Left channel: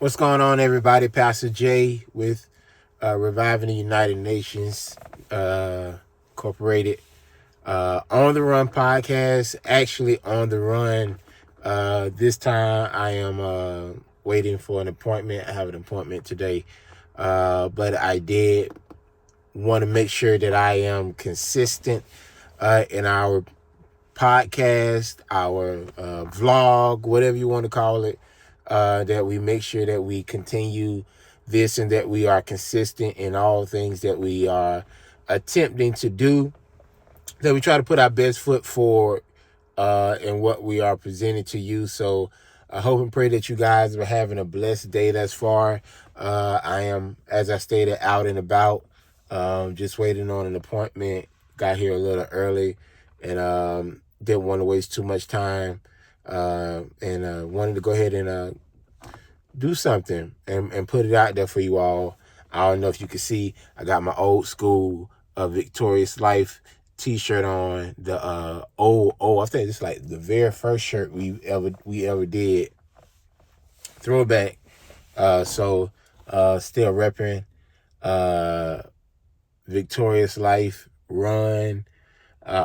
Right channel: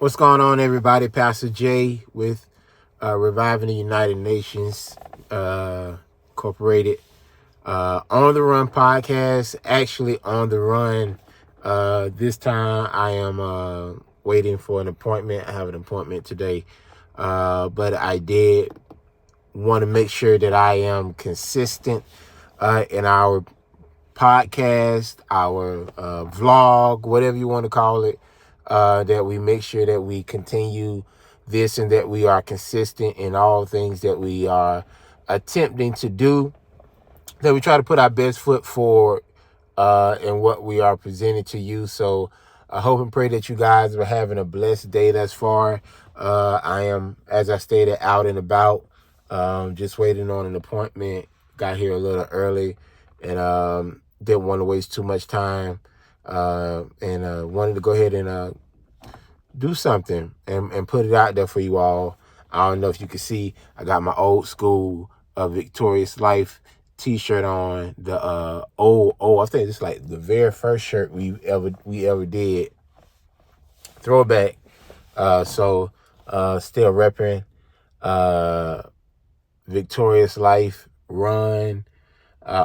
What's going on, everybody? Pastor Jay with Reviving the United Nations Incorporated. On the Run podcast, actually on the run. This time I am waiting for an appointment. I have an appointment today. But I did want to make sure that I am consistent in our podcast, our vlog, whatever you want to call it, that we make sure that we continue this and that we are consistent in all things that we are attempting to do, that we try to put our best foot forward in what we are presenting to you. So I hope and pray that you guys are having a blessed day thus far. I am, as I stated, out and about, just waiting on an appointment. Got here a little early and didn't want to waste too much time and wanted to go ahead and do something and put it out there for you all. I don't know if you can see, I got my old school Victorious Life t-shirt on. The I think it's like the very first shirt we ever did. Throwback. Still repping Victorious Life, Run,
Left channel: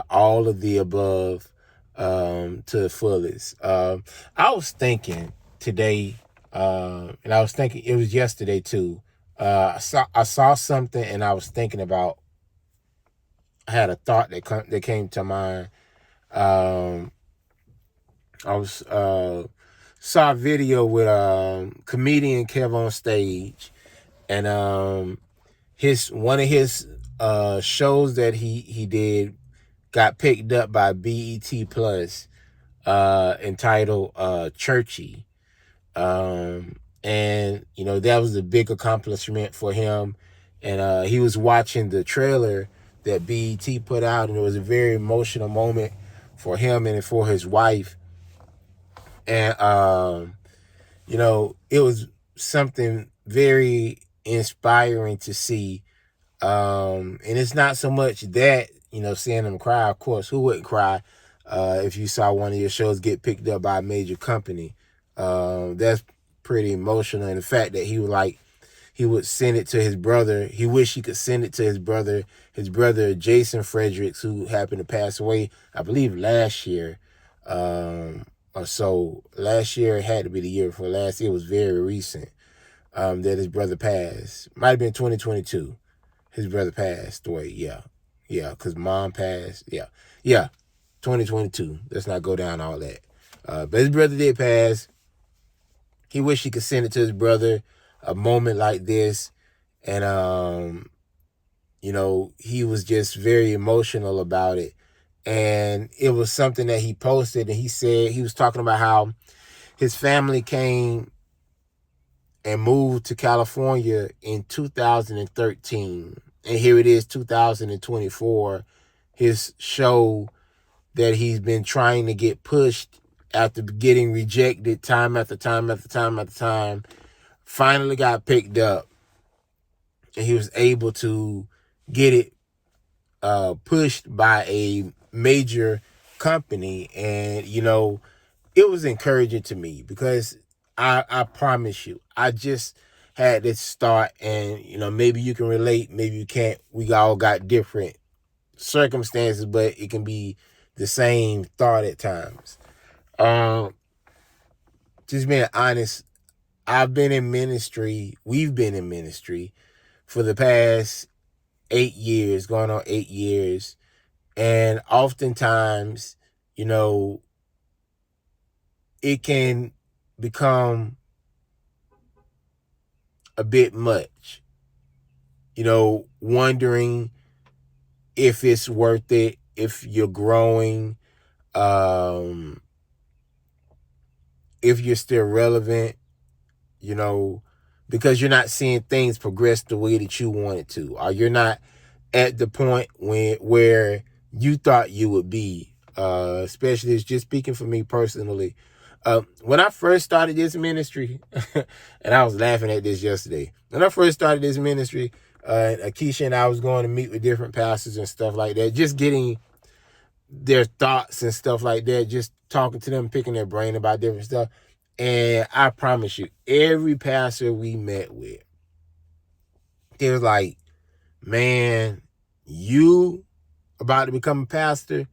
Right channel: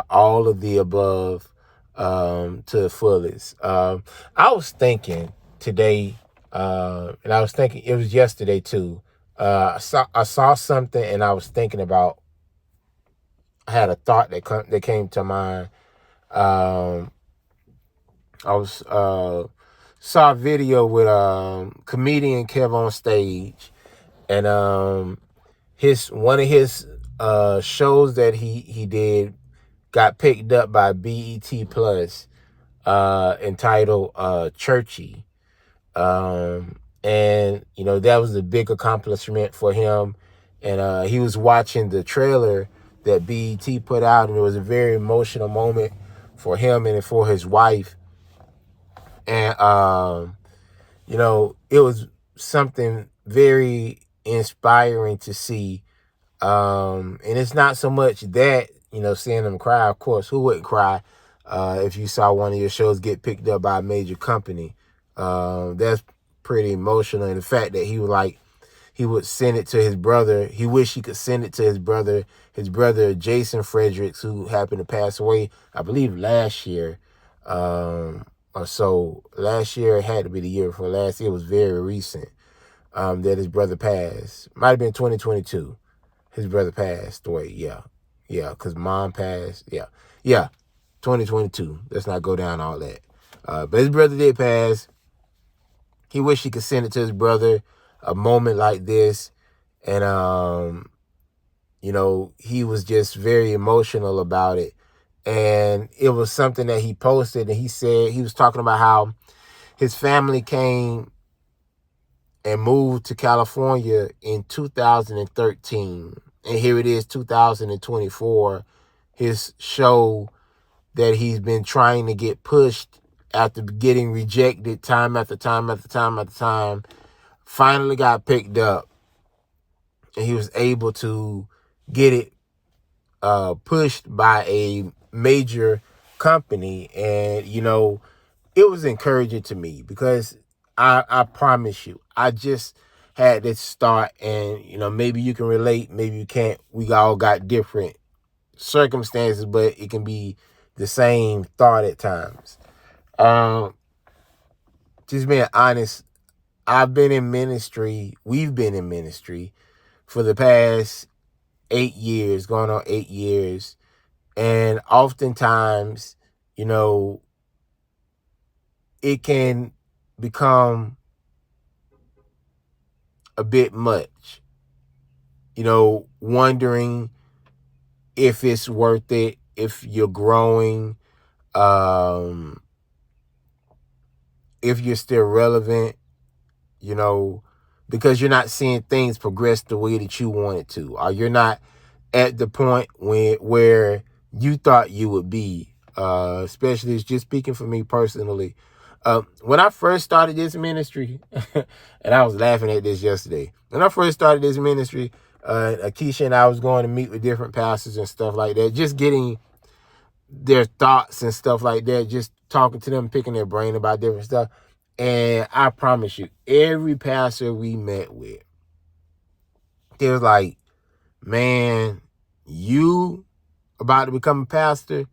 all of the above to the fullest. I was thinking today, and I was thinking it was yesterday too. I saw something and I was thinking about. I had a thought that came to mind. I was saw a video with comedian Kev on stage, and one of his shows that he did got picked up by BET Plus, entitled Churchy. And that was a big accomplishment for him. And he was watching the trailer that BET put out, and it was a very emotional moment for him and for his wife. And it was something very inspiring to see. And it's not so much that, seeing them cry. Of course, who wouldn't cry if you saw one of your shows get picked up by a major company? That's pretty emotional. And the fact that he would send it to his brother. He wished he could send it to his brother Jason Fredericks, who happened to pass away, I believe, last year. Or so. Last year had to be the year before last. It was very recent that his brother passed. Might have been 2022. His brother passed away. Yeah, because mom passed. Yeah, 2022. Let's not go down all that. But his brother did pass. He wished he could send it to his brother, a moment like this. And, he was just very emotional about it. And it was something that he posted, and he said, he was talking about how his family came and moved to California in 2013. And here it is, 2024. His show that he's been trying to get pushed after getting rejected time after time after time after time, finally got picked up. And he was able to get it pushed by a major company. And, it was encouraging to me because I promise you, I just had this start, and, maybe you can relate, maybe you can't. We all got different circumstances, but it can be the same thought at times. Just being honest, we've been in ministry for the past 8 years, going on 8 years. And oftentimes, it can become a bit much, wondering if it's worth it, if you're growing, if you're still relevant, because you're not seeing things progress the way that you want it to, or you're not at the point where you thought you would be. Especially, it's just speaking for me personally. When I first started this ministry, and I was laughing at this yesterday. When I first started this ministry, Akeisha and I was going to meet with different pastors and stuff like that, just getting their thoughts and stuff like that, just talking to them, picking their brain about different stuff. And I promise you, every pastor we met with, they was like, man, you about to become a pastor,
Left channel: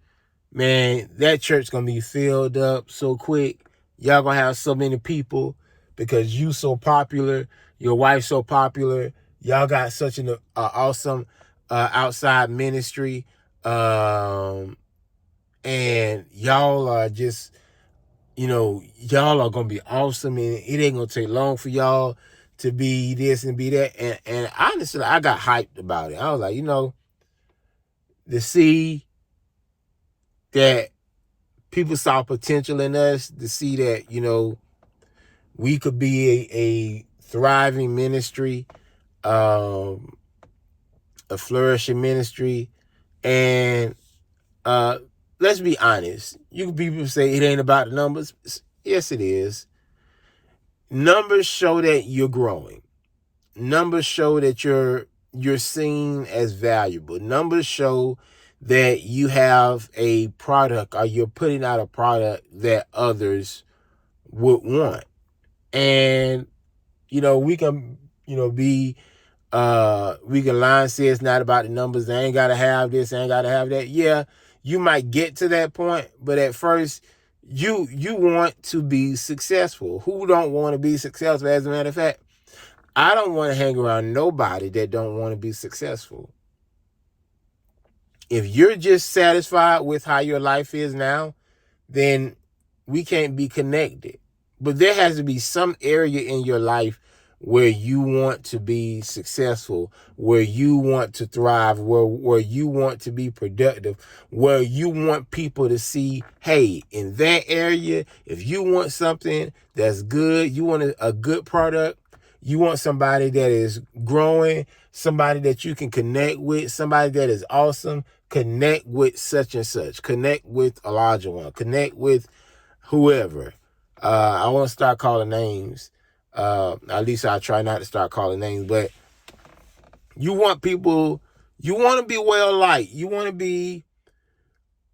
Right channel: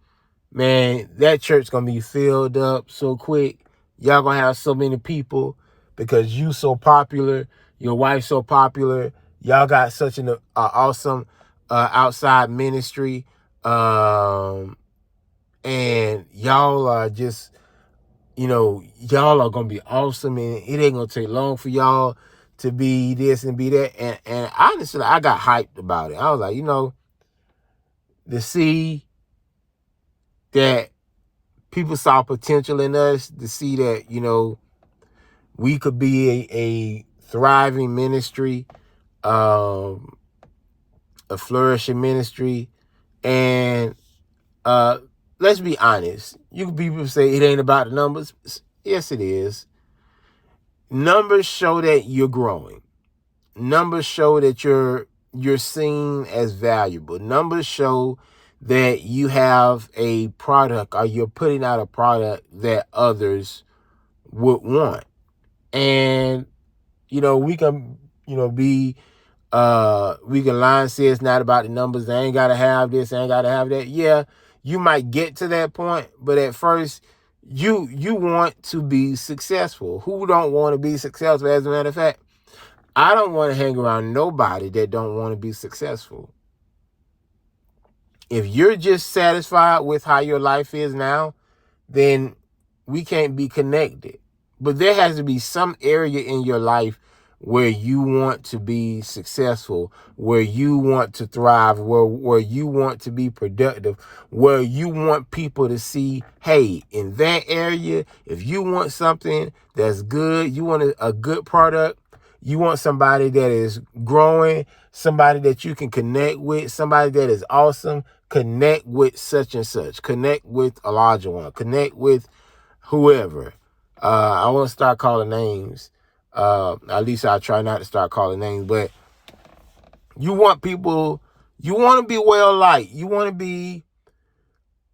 man, that church gonna be filled up so quick. Y'all gonna have so many people because you so popular, your wife so popular. Y'all got such an awesome outside ministry, and y'all are just, y'all are gonna be awesome, and it ain't gonna take long for y'all to be this and be that. And honestly, I got hyped about it. I was like, to see that people saw potential in us, to see that, we could be a thriving ministry, a flourishing ministry. And let's be honest. People say it ain't about the numbers. Yes, it is. Numbers show that you're growing. Numbers show that you're seen as valuable. Numbers show that you have a product, or you're putting out a product that others would want. And we can be we can lie and say it's not about the numbers. They ain't gotta have this, they ain't gotta have that. Yeah, you might get to that point, but at first you want to be successful. Who don't want to be successful? As a matter of fact, I don't want to hang around nobody that don't want to be successful. If you're just satisfied with how your life is now, then we can't be connected. But there has to be some area in your life where you want to be successful, where you want to thrive, where you want to be productive, where you want people to see, hey, in that area, if you want something that's good, you want a good product, you want somebody that is growing, somebody that you can connect with, somebody that is awesome, connect with such and such, connect with Elijah One, connect with whoever. I want to start calling names. At least I try not to start calling names, but you want people, you want to be well liked. You want to be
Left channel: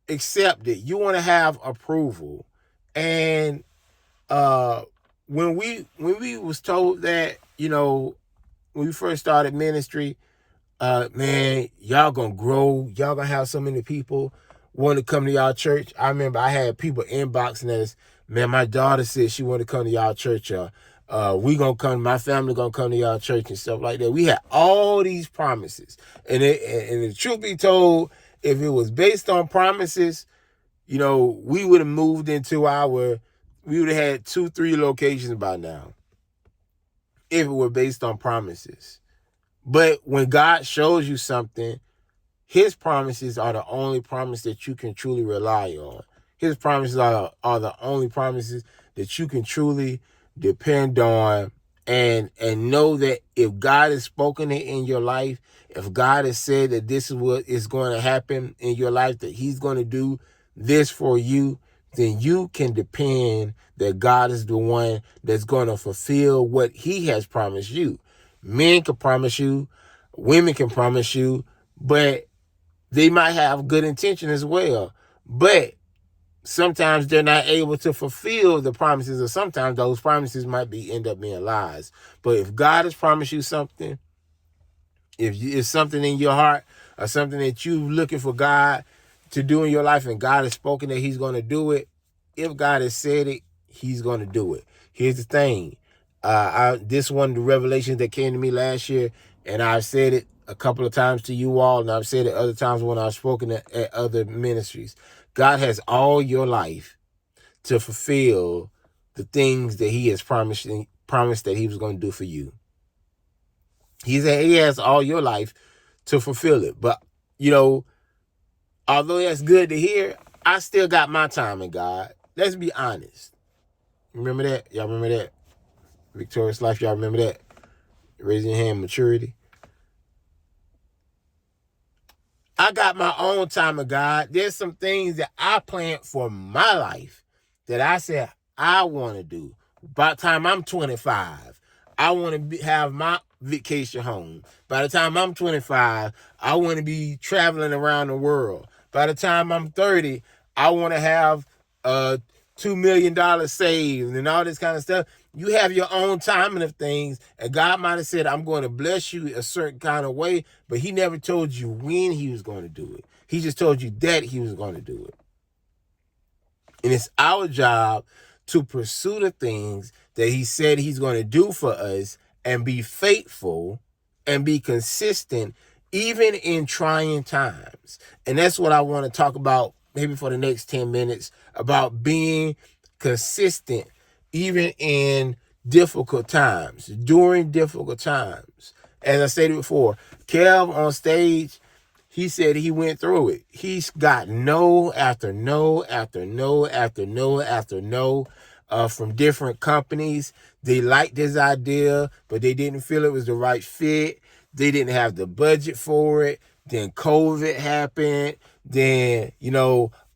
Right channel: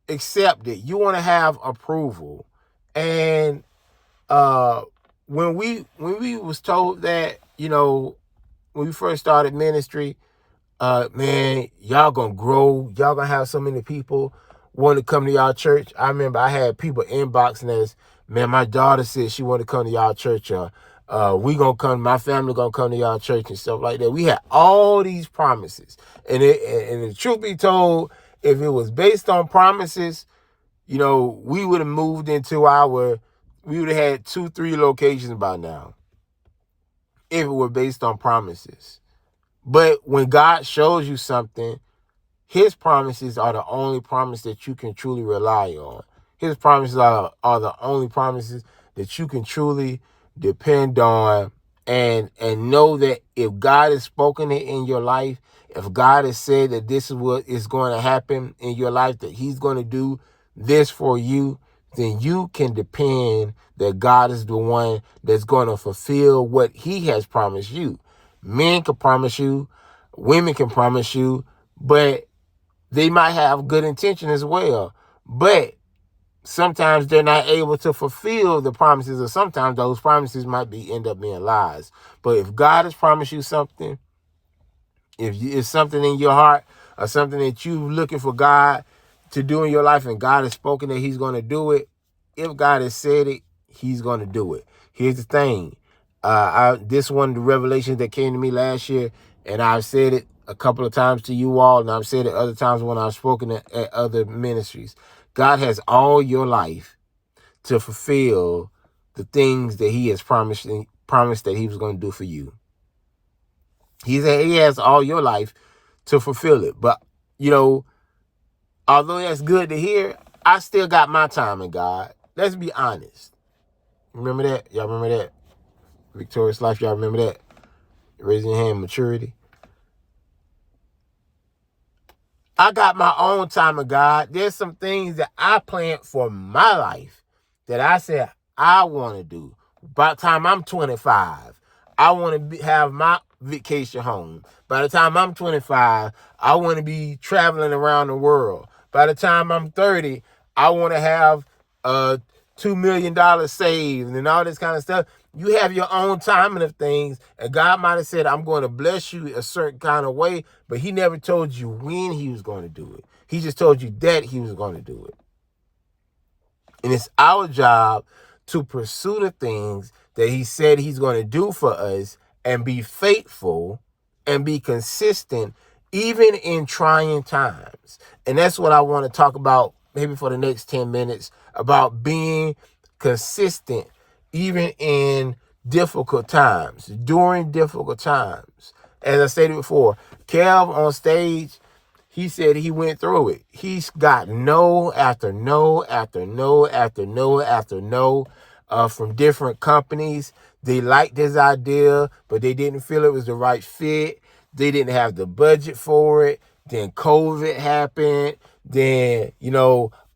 accepted. You want to have approval. And when we was told that, when we first started ministry, man, y'all gonna grow. Y'all gonna have so many people want to come to y'all church. I remember I had people inboxing us, man, my daughter said she want to come to y'all church. We gonna come, my family gonna come to y'all church and stuff like that. We had all these promises. And the truth be told, if it was based on promises, we would have moved into we would have had 2-3 locations by now. If it were based on promises. But when God shows you something, his promises are the only promise that you can truly rely on. His promises are the only promises that you can truly depend on, and know that if God has spoken it in your life, if God has said that this is what is going to happen in your life, that he's going to do this for you, then you can depend that God is the one that's going to fulfill what he has promised you. Men can promise you, women can promise you, but they might have good intention as well. But sometimes they're not able to fulfill the promises, or sometimes those promises might end up being lies. But if God has promised you something, if it's something in your heart or something that you're looking for God to do in your life, and God has spoken that he's going to do it, if God has said it, he's going to do it. Here's the thing. This one of the revelations that came to me last year, and I've said it a couple of times to you all, and I've said it other times when I've spoken at other ministries. God has all your life to fulfill the things that he has promised that he was going to do for you. He has all your life to fulfill it. But, although that's good to hear, I still got my time in God. Let's be honest. Remember that? Y'all remember that? Victorious Life, y'all remember that? Raising your hand, maturity. I got my own time of God. There's some things that I planned for my life that I said I want to do. By the time I'm 25, I want to have my vacation home. By the time I'm 25, I want to be traveling around the world. By the time I'm 30, I want to have $2 million saved and all this kind of stuff. You have your own timing of things, and God might have said, I'm going to bless you a certain kind of way, but he never told you when he was going to do it. He just told you that he was going to do it. And it's our job to pursue the things that he said he's going to do for us and be faithful and be consistent even in trying times. And that's what I want to talk about maybe for the next 10 minutes, about being consistent even in difficult times, during difficult times. As I stated before, Kev on stage, he said he went through it. He's got no after no after no after no after no from different companies. They liked his idea, but they didn't feel it was the right fit. They didn't have the budget for it. Then COVID happened. Then,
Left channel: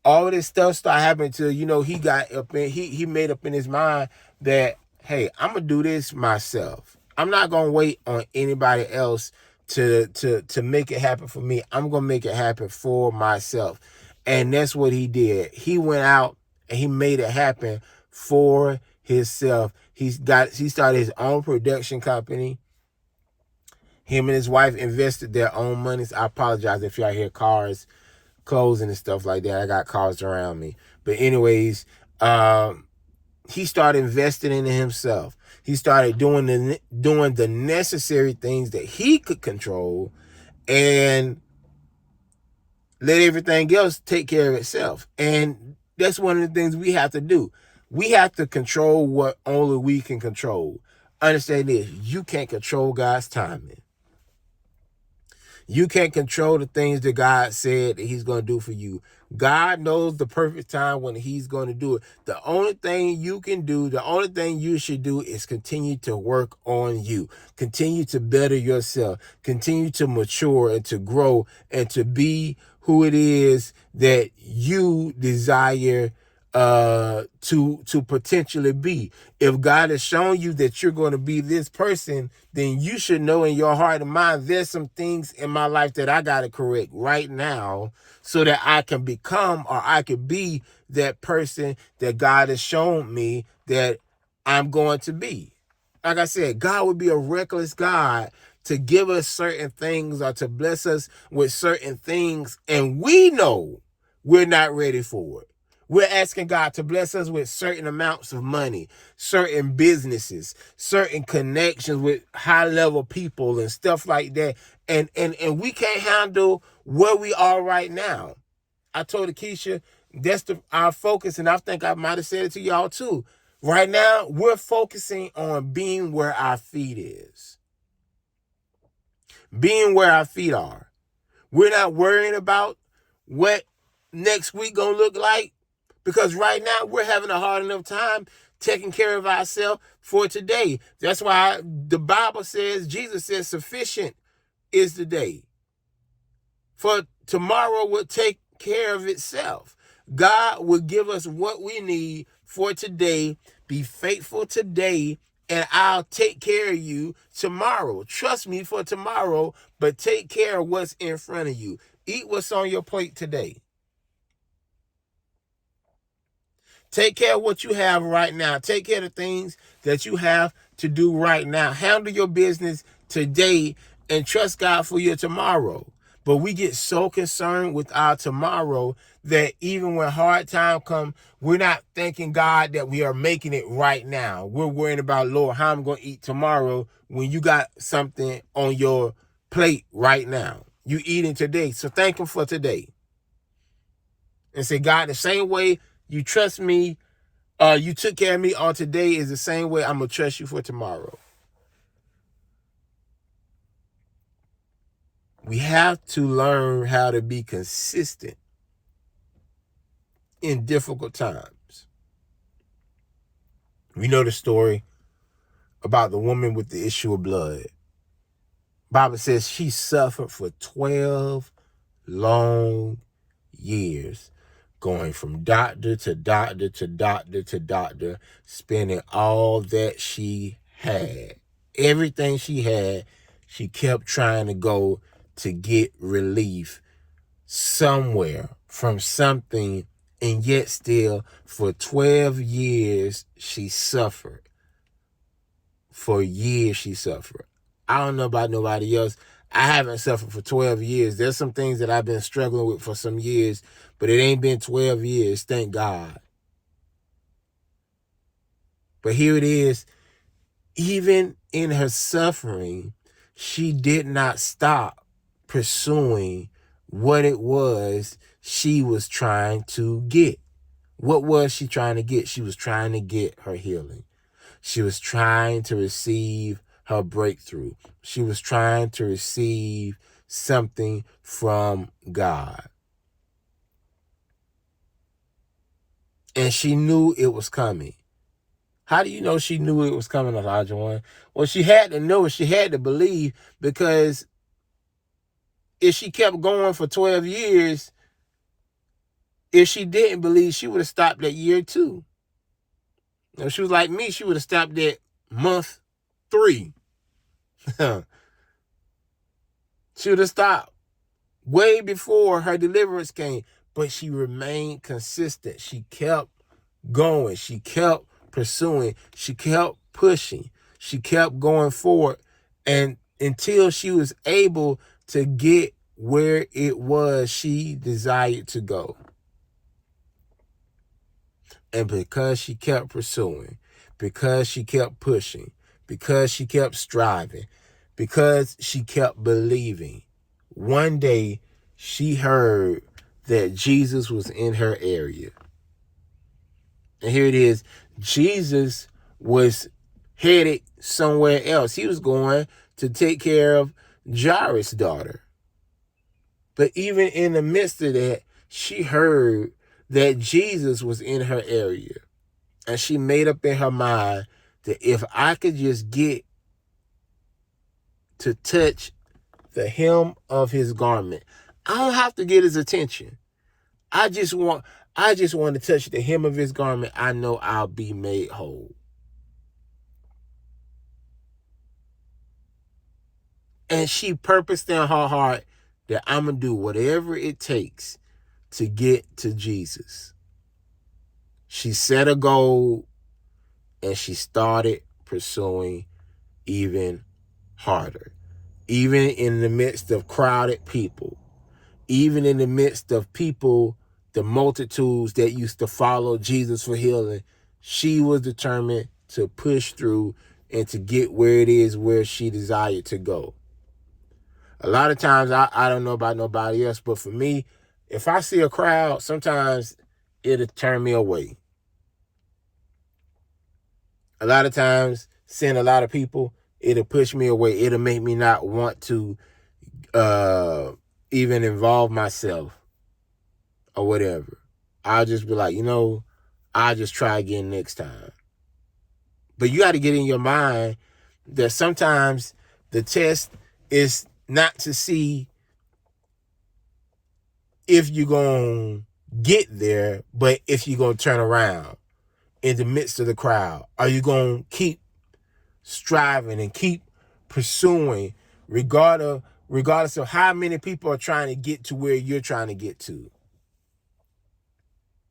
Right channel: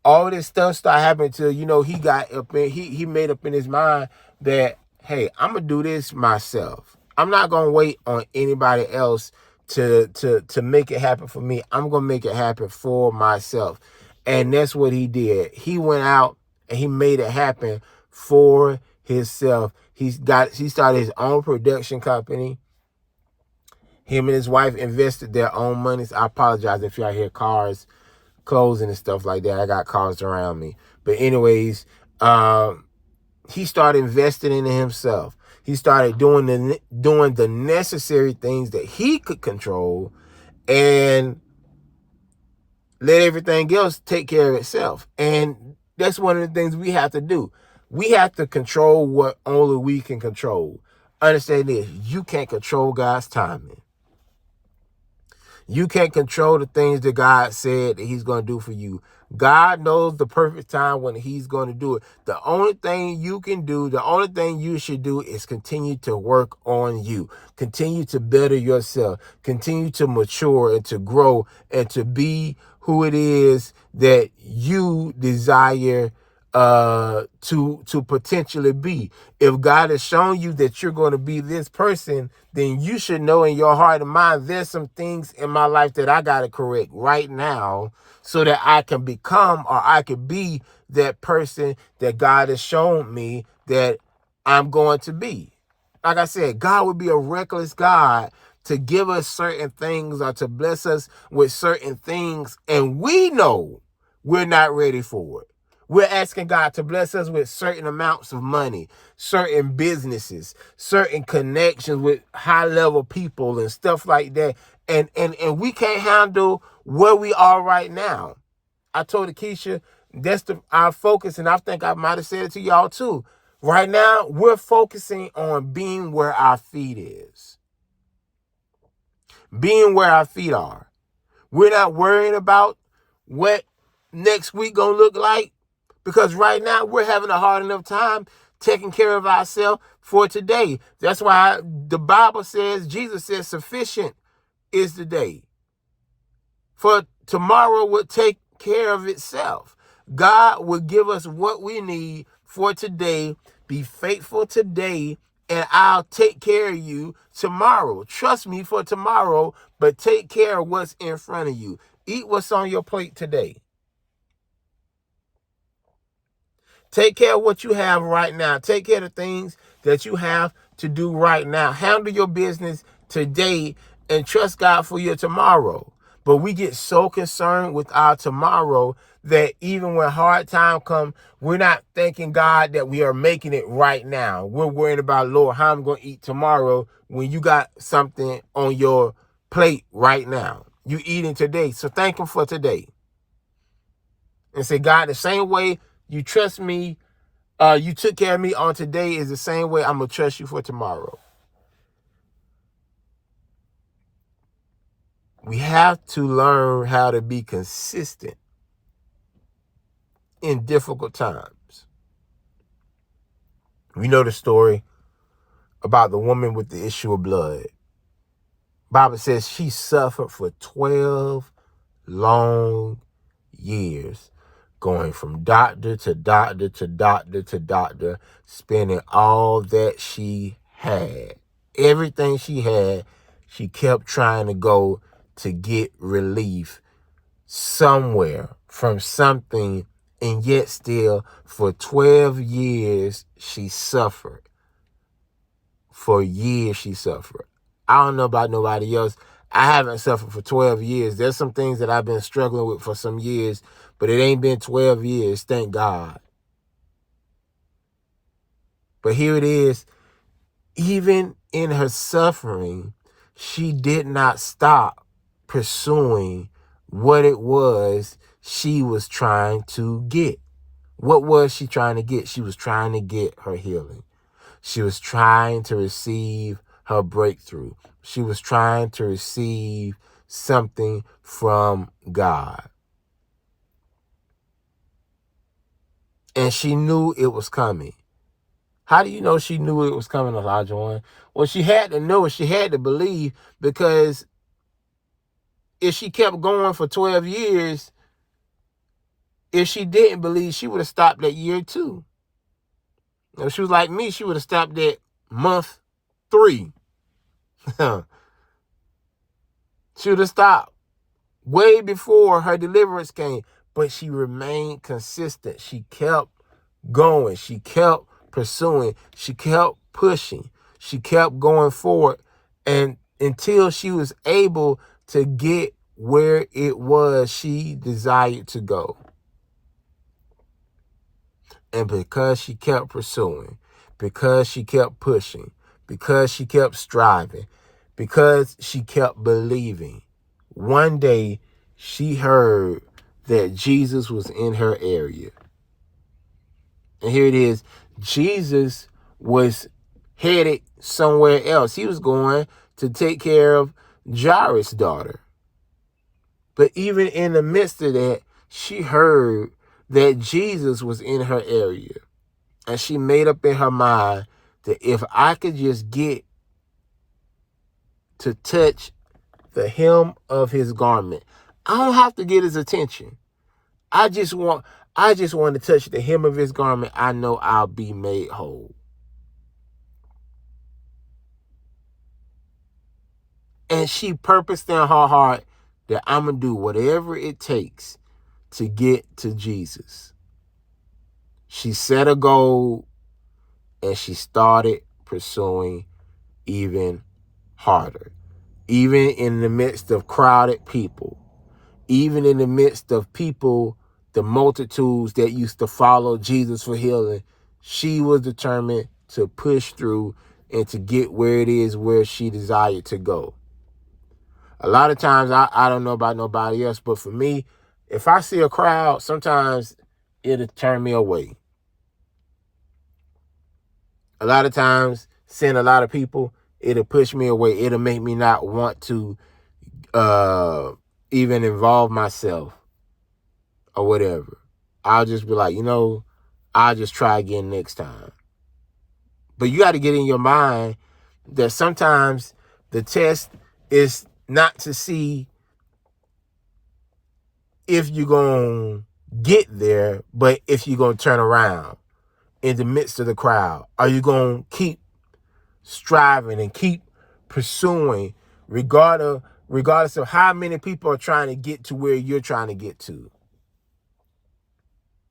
all this stuff started happening till, he got up in, he made up in his mind that, hey, I'm going to do this myself. I'm not going to wait on anybody else to make it happen for me. I'm going to make it happen for myself. And that's what he did. He went out and he made it happen for himself. He started his own production company. Him and his wife invested their own monies. I apologize if y'all hear cars closing and stuff like that. I got cars around me. But anyways, he started investing in himself. He started doing the necessary things that he could control and let everything else take care of itself. And that's one of the things we have to do. We have to control what only we can control. Understand this, you can't control God's timing. You can't control the things that God said that he's going to do for you. God knows the perfect time when he's going to do it. The only thing you can do, the only thing you should do is continue to work on you. Continue to better yourself. Continue to mature and to grow and to be who it is that you desire to potentially be. If God has shown you that you're going to be this person, then you should know in your heart and mind, there's some things in my life that I got to correct right now so that I can become, or I could be that person that God has shown me that I'm going to be. Like I said, God would be a reckless God to give us certain things or to bless us with certain things, and we know we're not ready for it. We're asking God to bless us with certain amounts of money, certain businesses, certain connections with high-level people and stuff like that. And we can't handle where we are right now. I told Akeisha, that's our focus, and I think I might have said it to y'all too. Right now, we're focusing on being where our feet is. Being where our feet are. We're not worrying about what next week gonna look like. Because right now, we're having a hard enough time taking care of ourselves for today. That's why the Bible says, Jesus says, sufficient is the day. For tomorrow will take care of itself. God will give us what we need for today. Be faithful today, and I'll take care of you tomorrow. Trust me for tomorrow, but take care of what's in front of you. Eat what's on your plate today. Take care of what you have right now. Take care of the things that you have to do right now. Handle your business today and trust God for your tomorrow. But we get so concerned with our tomorrow that even when hard time comes, we're not thanking God that we are making it right now. We're worried about, Lord, how I'm going to eat tomorrow when you got something on your plate right now. You eating today. So thank him for today. And say, God, the same way you trust me, you took care of me on today is the same way I'm going to trust you for tomorrow. We have to learn how to be consistent in difficult times. We know the story about the woman with the issue of blood. Bible says she suffered for 12 long years, going from doctor to doctor to doctor to doctor, spending all that she had. Everything she had, she kept trying to go to get relief somewhere from something And yet still, for 12 years, she suffered. For years, she suffered. I don't know about nobody else. I haven't suffered for 12 years. There's some things that I've been struggling with for some years, but it ain't been 12 years, thank God. But here it is. Even in her suffering, she did not stop pursuing what it was she was trying to get. What was she trying to get? She was trying to get her healing. She was trying to receive her breakthrough. She was trying to receive something from God. And she knew it was coming. How do you know she knew it was coming, Elijah One? Well, she had to know it. She had to believe, because if she kept going for 12 years, if she didn't believe, she would have stopped at year 2. If she was like me, she would have stopped at month 3. She would have stopped way before her deliverance came. But she remained consistent. She kept going. She kept pursuing. She kept pushing. She kept going forward, and until she was able to get where it was she desired to go. And because she kept pursuing, because she kept pushing, because she kept striving, because she kept believing, one day she heard that Jesus was in her area. And here it is. Jesus was headed somewhere else. He was going to take care of Jairus' daughter. But even in the midst of that, she heard that Jesus was in her area. And she made up in her mind that if I could just get to touch the hem of his garment, I don't have to get his attention. I just want to touch the hem of his garment. I know I'll be made whole. And she purposed in her heart that I'm going to do whatever it takes to get to Jesus. She set a goal, and she started pursuing even harder. Even in the midst of crowded people, even in the midst of people, the multitudes that used to follow Jesus for healing, she was determined to push through and to get where it is where she desired to go. A lot of times, I don't know about nobody else, but for me, if I see a crowd, sometimes it'll turn me away. A lot of times, seeing a lot of people, it'll push me away. It'll make me not want to even involve myself or whatever. I'll just be like, I'll just try again next time. But you got to get in your mind that sometimes the test is not to see if you're going to get there, but if you're going to turn around in the midst of the crowd. Are you going to keep striving and keep pursuing regardless of how many people are trying to get to where you're trying to get to?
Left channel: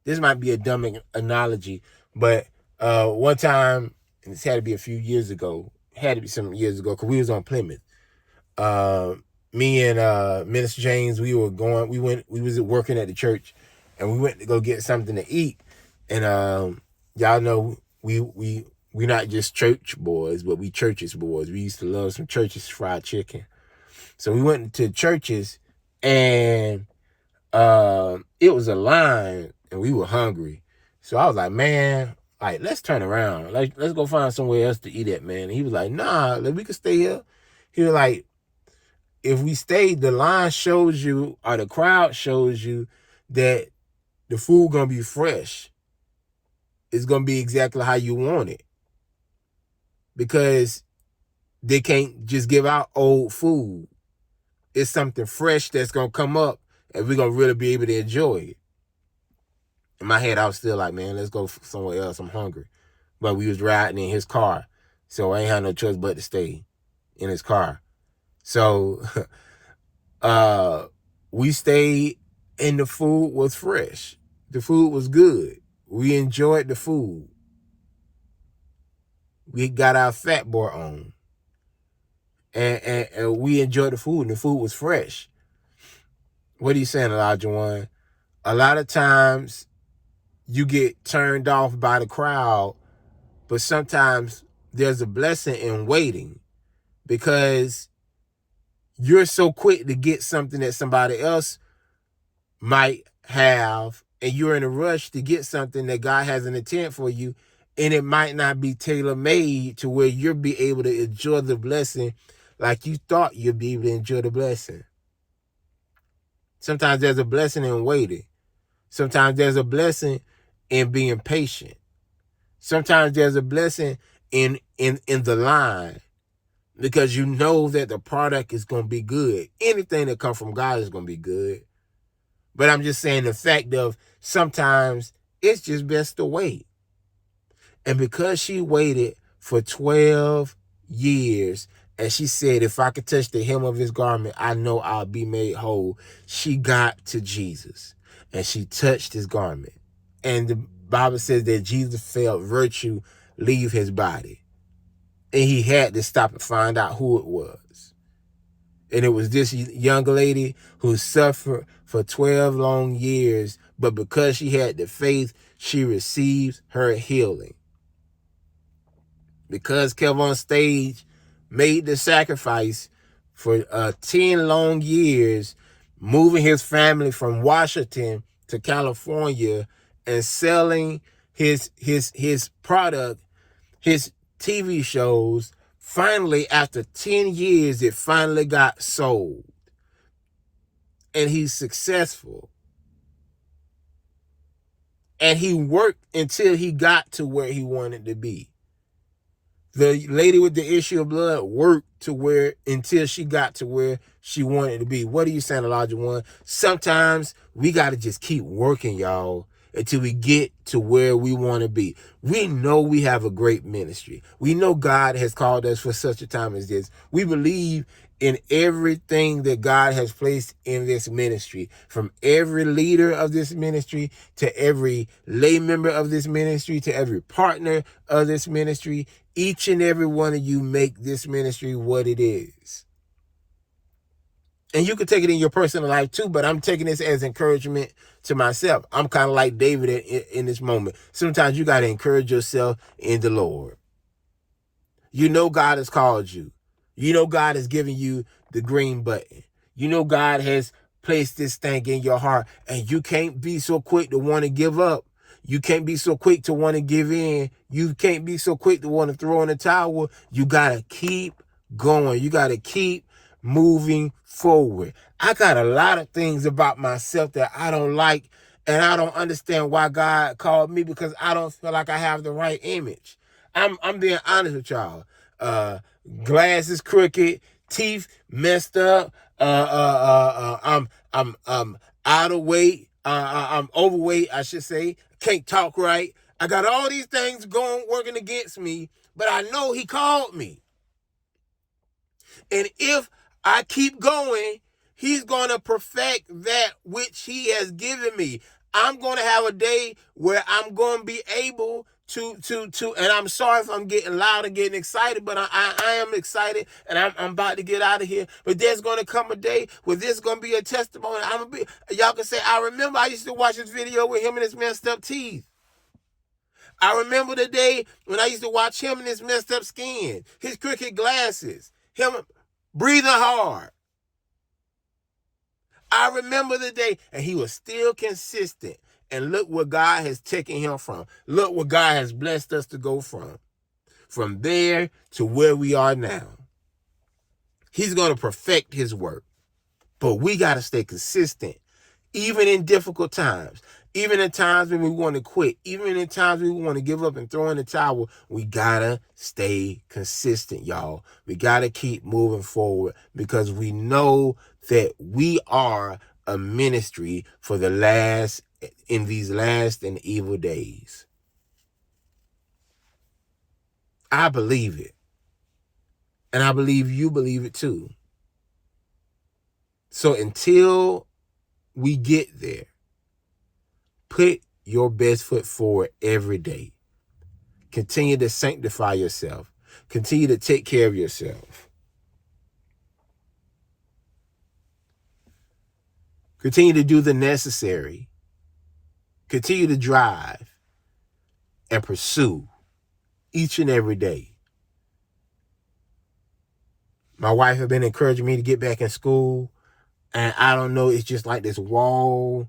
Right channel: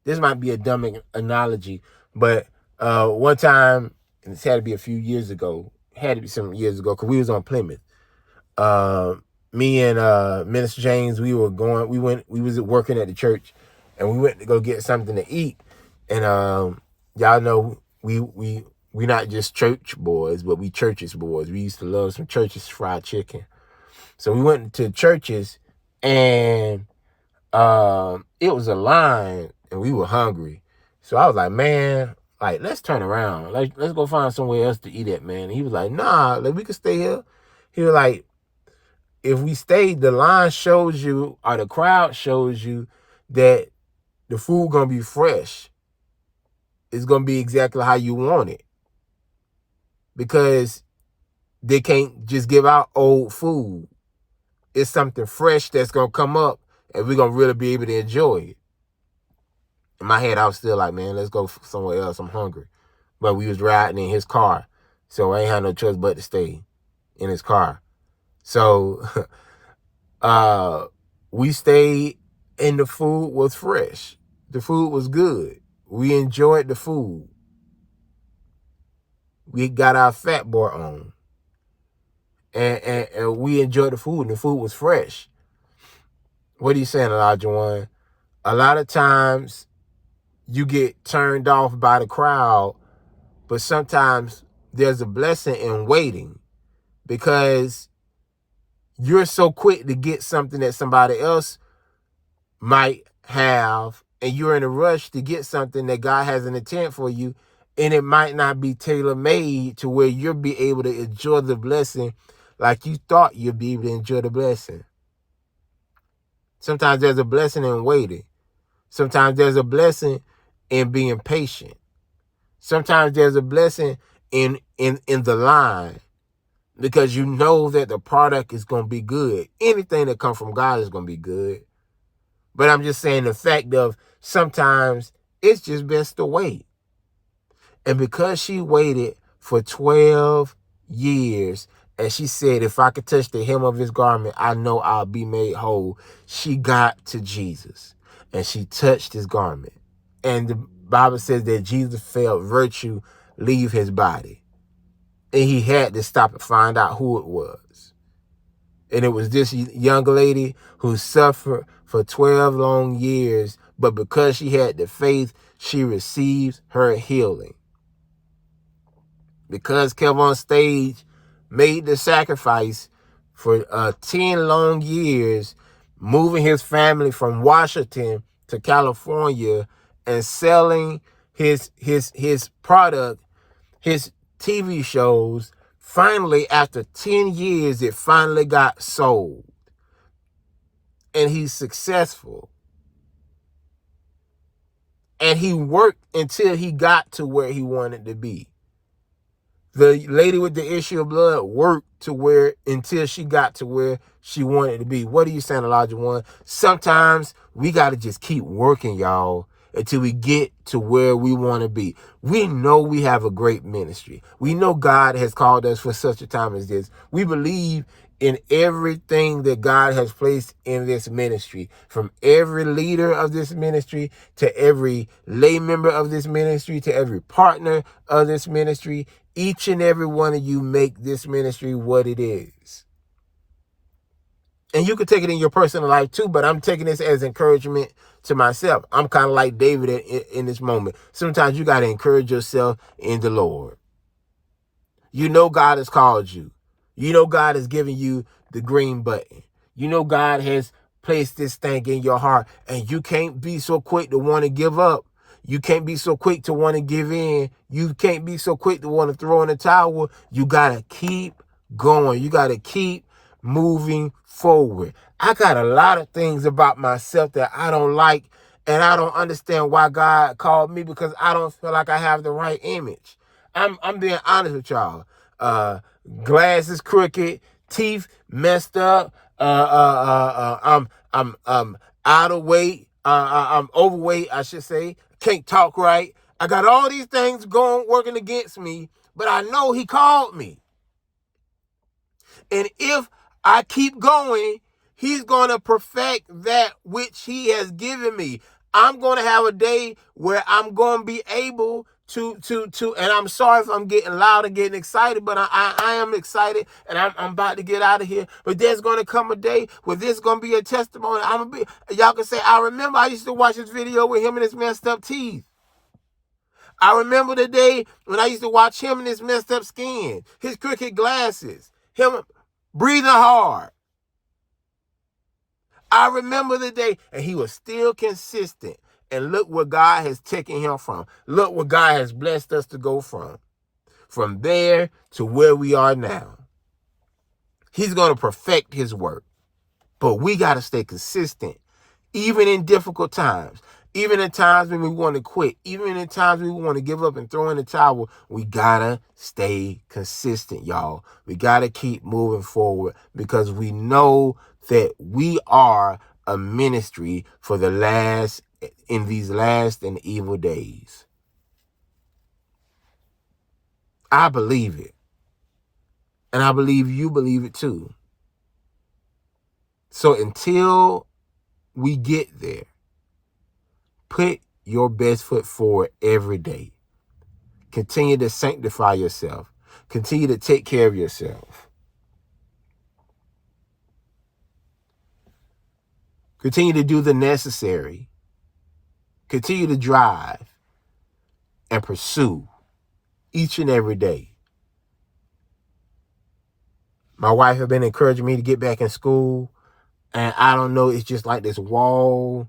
This might be a dumb analogy, but one time, and this had to be a few years ago, had to be some years ago, because we was on Plymouth. Me and Minister James, we was working at the church, and we went to go get something to eat. And y'all know we not just church boys, but we churches boys. We used to love some churches fried chicken. So we went to churches, and it was a line, and we were hungry. So I was like, man, let's turn around. Let's go find somewhere else to eat at, man. And he was like, nah, we can stay here. He was like, if we stay, the line shows you, or the crowd shows you, that the food gonna be fresh. It's gonna be exactly how you want it. Because they can't just give out old food. It's something fresh that's gonna come up, and we're gonna really be able to enjoy it. In my head, I was still like, man, let's go somewhere else. I'm hungry. But we was riding in his car, so I ain't had no choice but to stay in his car. So we stayed, and the food was fresh. The food was good. We enjoyed the food. We got our fat boy on. And we enjoyed the food, and the food was fresh. What are you saying, Elijah One? A lot of times you get turned off by the crowd, but sometimes there's a blessing in waiting, because you're so quick to get something that somebody else might have, and you're in a rush to get something that God has an intent for you, and it might not be tailor-made to where you'll be able to enjoy the blessing like you thought you'd be able to enjoy the blessing. Sometimes there's a blessing in waiting. Sometimes there's a blessing in being patient. Sometimes there's a blessing in the line, because you know that the product is going to be good. Anything that comes from God is going to be good. But I'm just saying the fact of sometimes it's just best to wait. And because she waited for 12 years, and she said, if I could touch the hem of his garment, I know I'll be made whole. She got to Jesus, and she touched his garment. And the Bible says that Jesus felt virtue leave his body. And he had to stop and find out who it was. And it was this young lady who suffered for 12 long years, but because she had the faith, she received her healing. Because Kevon Stage made the sacrifice for 10 long years, moving his family from Washington to California and selling his product, his TV shows, finally, after 10 years, it finally got sold. And he's successful. And he worked until he got to where he wanted to be. The lady with the issue of blood worked to where until she got to where she wanted to be. What are you saying, Elijah One? Sometimes we got to just keep working, y'all, until we get to where we want to be. We know we have a great ministry. We know God has called us for such a time as this. We believe in everything that God has placed in this ministry, from every leader of this ministry to every lay member of this ministry to every partner of this ministry. Each and every one of you make this ministry what it is. And you can take it in your personal life too, but I'm taking this as encouragement to myself. I'm kind of like David in this moment. Sometimes you got to encourage yourself in the Lord. You know God has called you. You know God has given you the green button. You know God has placed this thing in your heart, and you can't be so quick to want to give up. You can't be so quick to want to give in. You can't be so quick to want to throw in the towel. You got to keep going. You got to keep moving forward. I got a lot of things about myself that I don't like, and I don't understand why God called me, because I don't feel like I have the right image. I'm being honest with y'all. Glasses crooked, teeth messed up. I'm out of weight. I'm overweight, I should say. Can't talk right. I got all these things working against me, but I know he called me. And if I keep going, he's going to perfect that which he has given me. I'm going to have a day where I'm going to be able to, and I'm sorry if I'm getting loud and getting excited, but I am excited, and I'm about to get out of here. But there's going to come a day where there's going to be a testimony. Y'all can say, I remember I used to watch this video with him and his messed up teeth. I remember the day when I used to watch him and his messed up skin, his crooked glasses, him breathing hard. I remember the day, and he was still consistent. And look where God has taken him from. Look where God has blessed us to go from. From there to where we are now. He's going to perfect his work. But we got to stay consistent, even in difficult times. Even in times when we want to quit. Even in times when we want to give up and throw in the towel. We got to stay consistent, y'all. We got to keep moving forward, because we know that we are a ministry for in these last and evil days. I believe it. And I believe you believe it too. So until we get there, Put your best foot forward every day. Continue to sanctify yourself. Continue to take care of yourself. Continue to do the necessary. Continue to drive and pursue each and every day. My wife has been encouraging me to get back in school. And I don't know, it's just like this wall.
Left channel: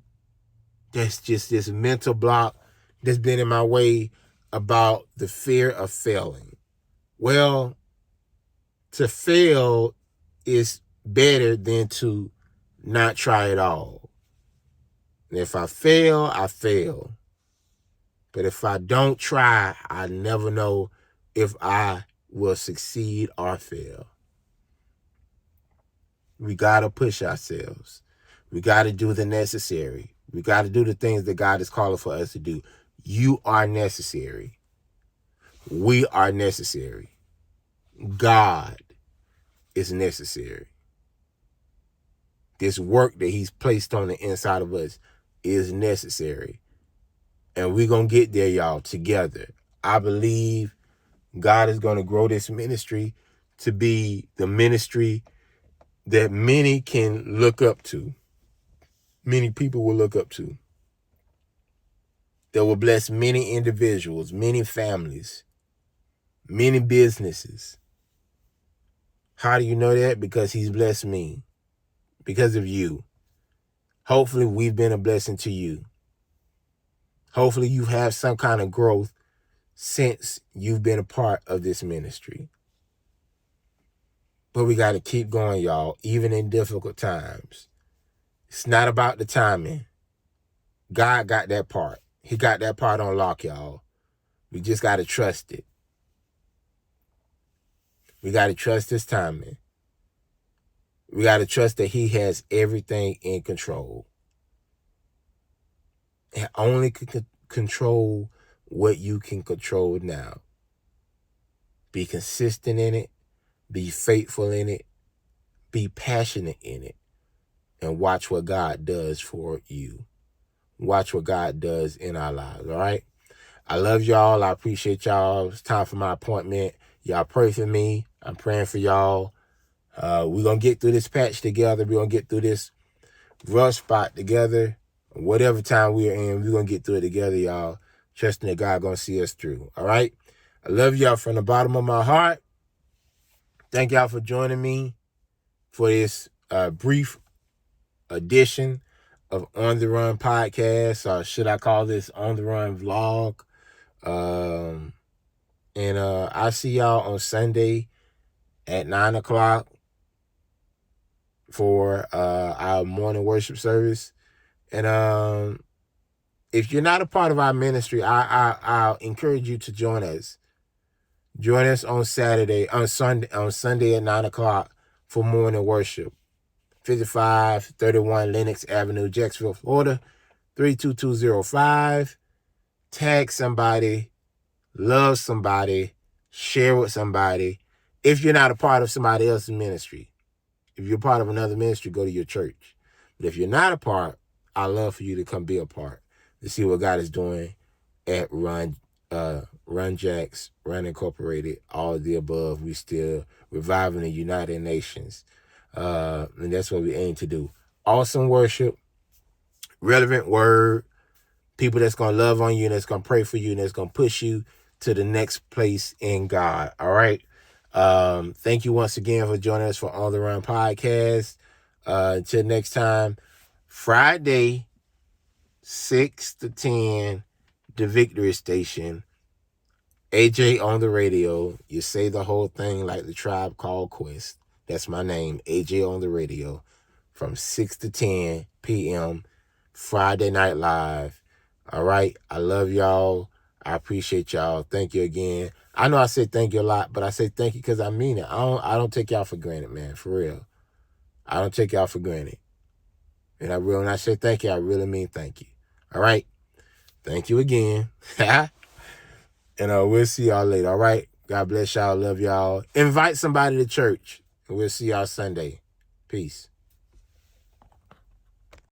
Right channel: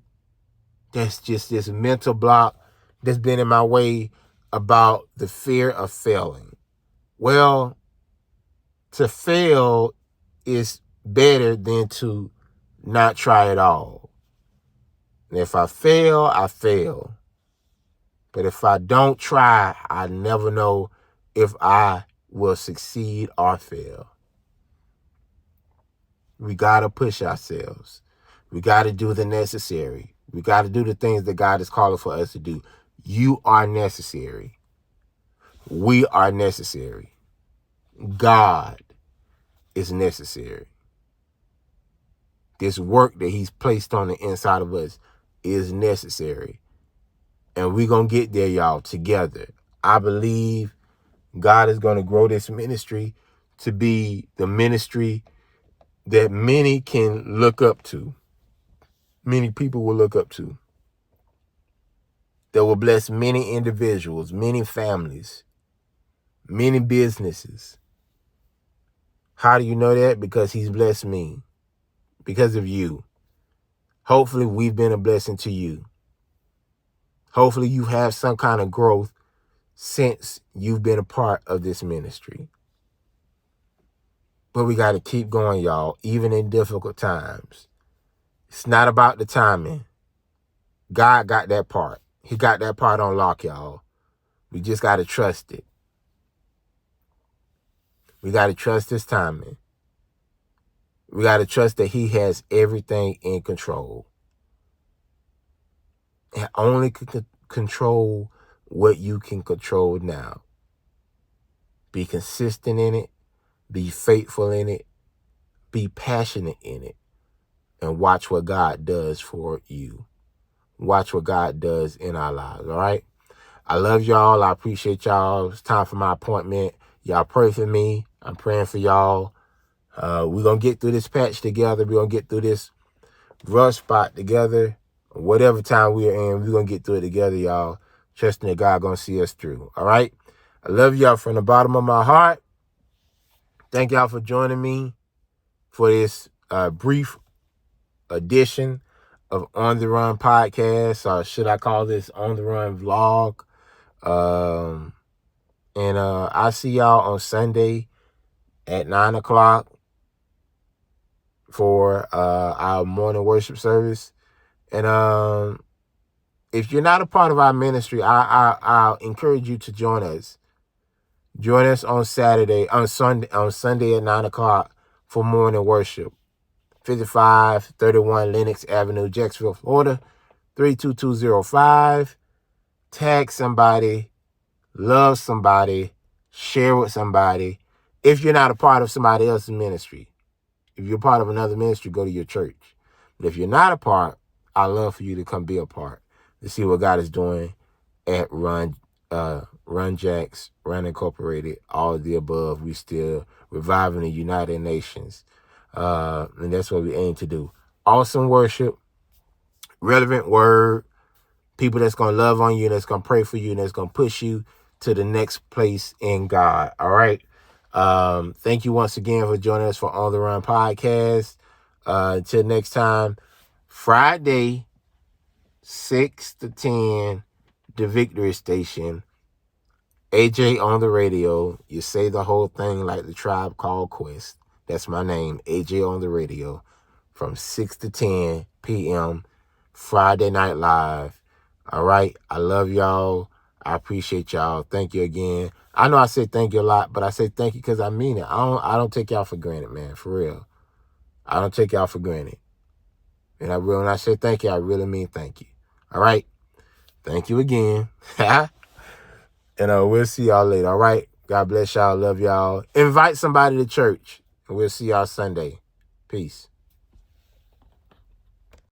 That's just this mental block that's been in my way about the fear of failing. Well, to fail is better than to not try at all. And if I fail, I fail. But if I don't try, I never know if I will succeed or fail. We got to push ourselves. We got to do the necessary. We got to do the things that God is calling for us to do. You are necessary. We are necessary. God is necessary. This work that he's placed on the inside of us is necessary. And we're going to get there, y'all, together. I believe God is going to grow this ministry to be the ministry that many can look up to. Many people will look up to. That will bless many individuals, many families, many businesses. How do you know that? Because he's blessed me. Because of you. Hopefully we've been a blessing to you. Hopefully you have some kind of growth since you've been a part of this ministry. But we got to keep going, y'all, even in difficult times. It's not about the timing. God got that part. He got that part on lock, y'all. We just got to trust it. We got to trust his timing. We got to trust that he has everything in control. And only control what you can control now. Be consistent in it. Be faithful in it. Be passionate in it. And watch what God does for you. Watch what God does in our lives, all right? I love y'all. I appreciate y'all. It's time for my appointment. Y'all pray for me. I'm praying for y'all. We're going to get through this patch together. We're going to get through this rough spot together. Whatever time we are in, we're going to get through it together, y'all. Trusting that God going to see us through, all right? I love y'all from the bottom of my heart. Thank y'all for joining me for this brief edition of On the Run podcast, or should I call this On the Run vlog? And I'll see y'all on Sunday at 9 o'clock for our morning worship service. And if you're not a part of our ministry, I'll encourage you to join us. Join us on Sunday at 9 o'clock for morning worship. 5531 Lenox Avenue, Jacksonville, Florida, 32205. Tag somebody, love somebody, share with somebody. If you're not a part of somebody else's ministry, if you're part of another ministry, go to your church. But if you're not a part, I'd love for you to come be a part to see what God is doing at Run Jacks, Run Incorporated, all of the above. We still reviving the United Nations. And that's what we aim to do. Awesome worship, relevant word, people that's going to love on you, that's going to pray for you, and that's going to push you to the next place in God. All right. Thank you once again for joining us for On the Run podcast. Until next time, Friday, 6 to 10, the Victory Station. AJ on the radio. You say the whole thing like the Tribe Called Quest. That's my name, AJ on the radio, from 6 to 10 p.m., Friday Night Live. All right? I love y'all. I appreciate y'all. Thank you again. I know I say thank you a lot, but I say thank you because I mean it. I don't take y'all for granted, man, for real. I don't take y'all for granted. And when I say thank you, I really mean thank you. All right? Thank you again. And we'll see y'all later, all right? God bless y'all. Love y'all. Invite somebody to church. And we'll see y'all Sunday. Peace.